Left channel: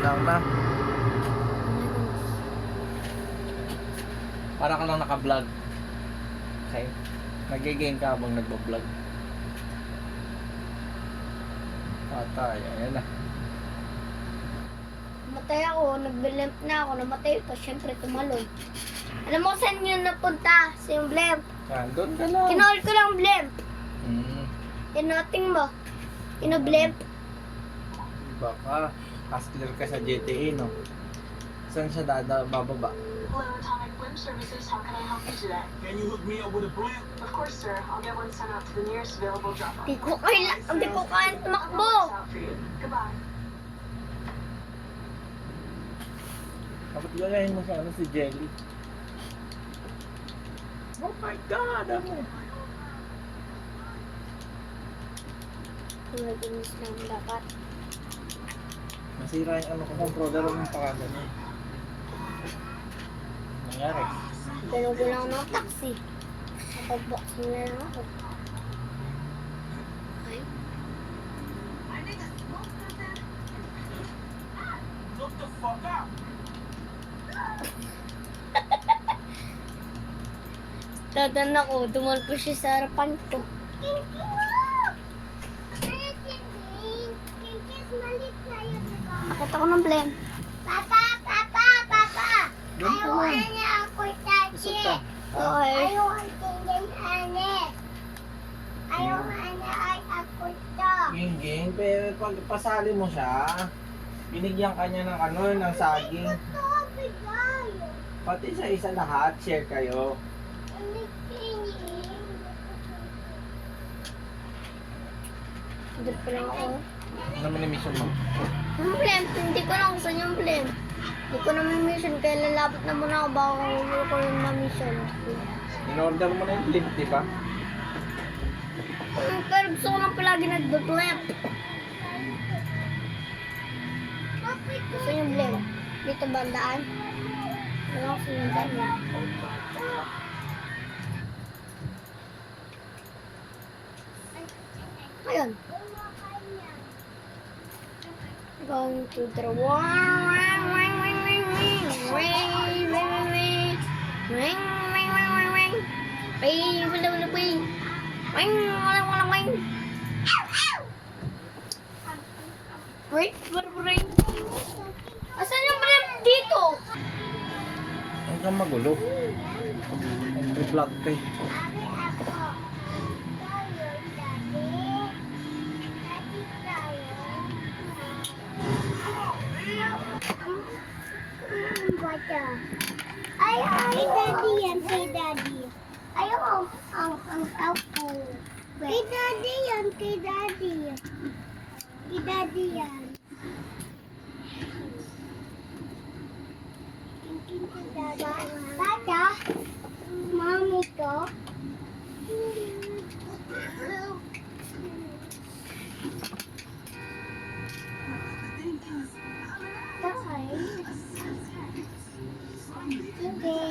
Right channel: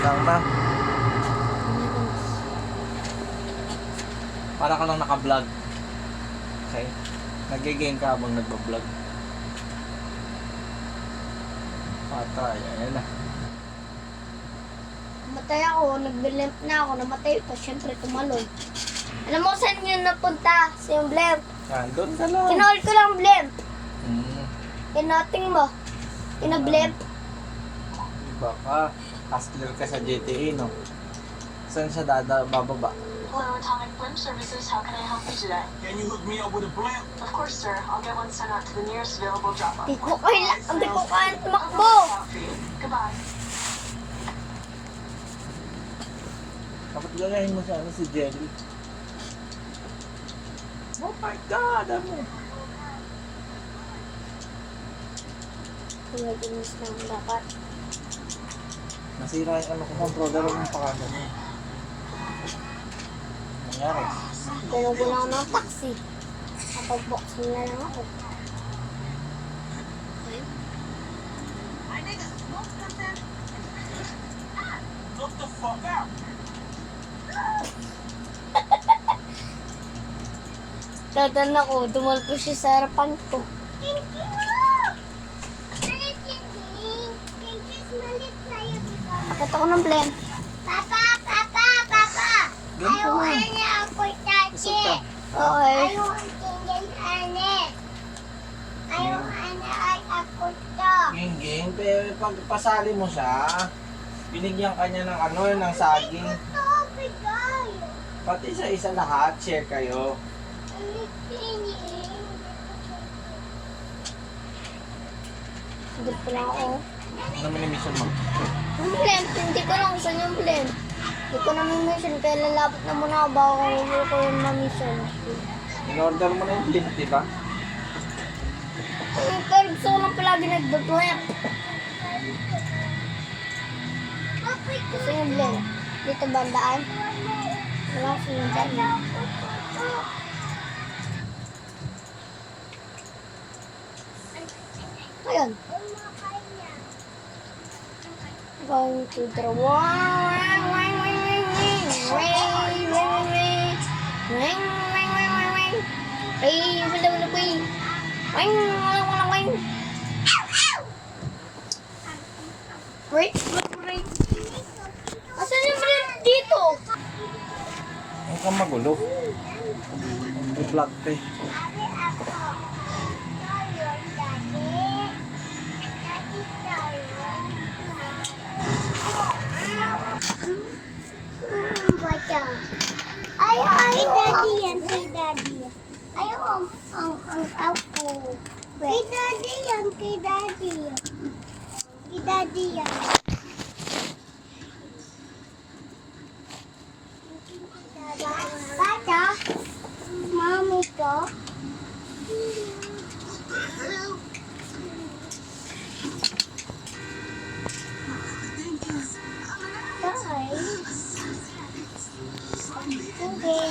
Lang na. Para ka lang naka-vlog. Okay? Nag-game ka habang nagba-vlog. Patay. Ayan na. Namatay ako, nag-blimp na ako, namatay pa, syempre tumalon. Alam mo saan yun napunta sa yung blimp? Yan, doon ka lang. Kinool ko lang blimp. Hmm. Tinating mo. Ina-blimp. Baka hustler ka sa GTA, no? Saan siya bababa? Hello, Atomic Blimp Services. How can I help you today? Can you hook me up with a blimp? Of course, sir. I'll get one sent out to the nearest available drop-off. Hindi ko kaya tumakbo. Out for you. Goodbye. Dapat gagayin mo siya, si Jelly. Oh my God! Ano? Nagaginis lang dapat. Nasira yung controller mo pa kagano. Nangyari. Gano'n ko lang ng taxi. Kapag-boxing na lang ako. Okay. Look the fuck out! Dadan ako, dumalpo siya sa harapan ko. Ba't ako ng blame? Papa! Ayaw niya ako tachi. Okay. Ayaw ang tingin anet. Ayaw ay ako to. Ging, pagpasali mo siya, binigyan ka niya ng ng saging. Ito, bigay. Pati sa isa lahat, share kayo. Hindi pa lang ako. Ano mo yung mission mo? Yung blame, hindi ko lang gusto yung blame. Hindi ko na may mission, kaya lalapit na muna ako bago hindi ko yung ma-mission. In-order mo na yung link, di ba? Pero gusto ko lang palagi nag-blame. Gusto yung blame. Dito bandaan. Wala ko sinundan na. Ayun. Going to the wall. Wait. Asan yung blip dito? Huwag kang magulo. Mag-vlog ka eh. Ay, daddy yan, kay daddy. Ayaw, ang ako. Kay daddy yan, kay daddy. Kay daddy yan. Tata, mami ko. Tay. Okay.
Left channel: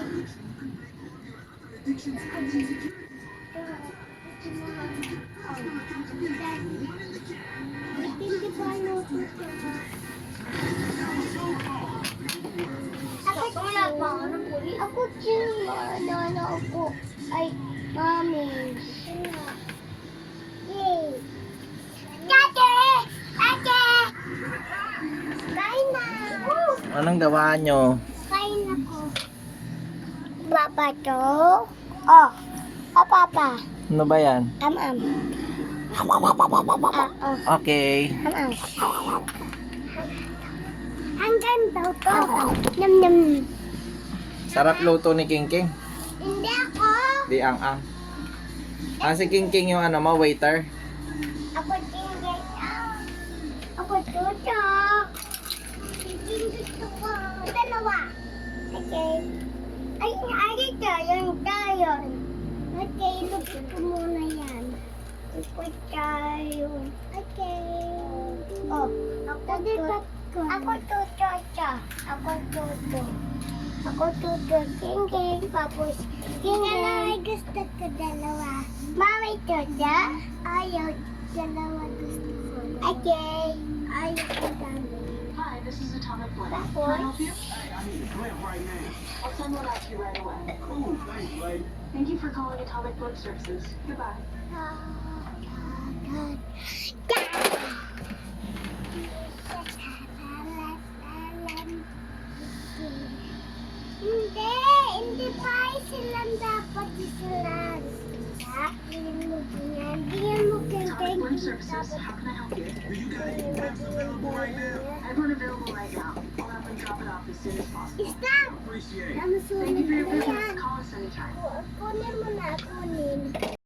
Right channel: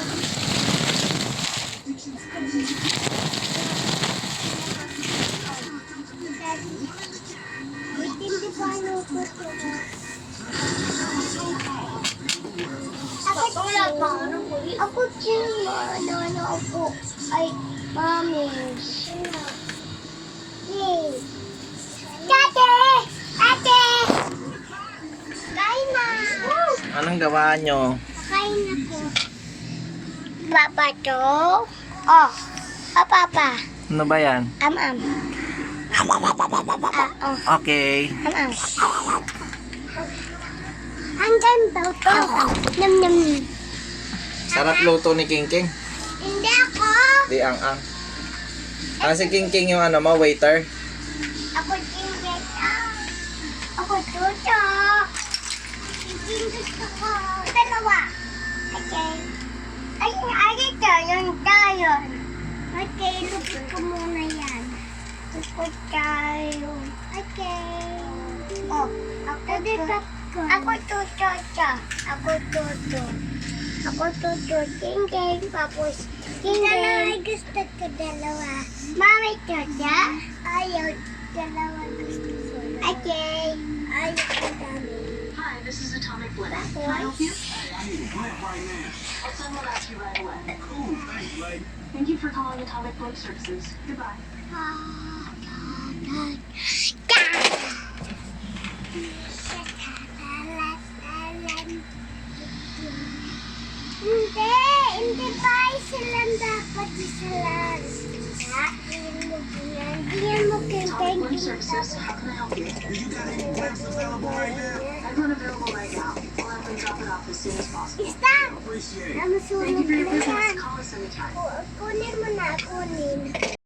Hindi pa luto ko na. Ako din, ano ako. Ay, mami. Yay. Ate! Ate! Kain na! Anong gawa nyo? Kain ako. Papa to? Oh. Papa. Ano ba yan? Am. Oh. Okay. Am. Hanggang daw to. Nam. Sarap luto ni King King. Hindi ako. Di ang. Si King King yung waiter. Ako tingin. Ako tuto. Tingin gusto ko. Dalawa. Okay. Ay, ito. Yung tayon. Okay, lupit ko muna yan. Lupit tayo. Okay. Oh, ako tuto. Ako tuto. Ako tuto. Ako tuto. King. Tapos, King. Dalawa gusto ko dalawa. Mami tuto. Ayaw. Dalawa gusto ko. Okay. Ayaw ko dami. Hi, This is Atomic Blimp. Can I help you? Hey, I need a blimp right now. I'll send one out to you right away. Cool, thanks, lady. Thank you for calling Atomic Blimp Services. Goodbye. Hindi pa silang dapat isalan. Hindi yan mo Atomic Blimp Services, how can I help you? Do you got any blimps available right now? I have one available right now. We'll have them drop it off as soon as possible. Stop! Appreciate it. Namasunod Thank you for your na yan. business. Call us anytime. Kunin mo na, kunin.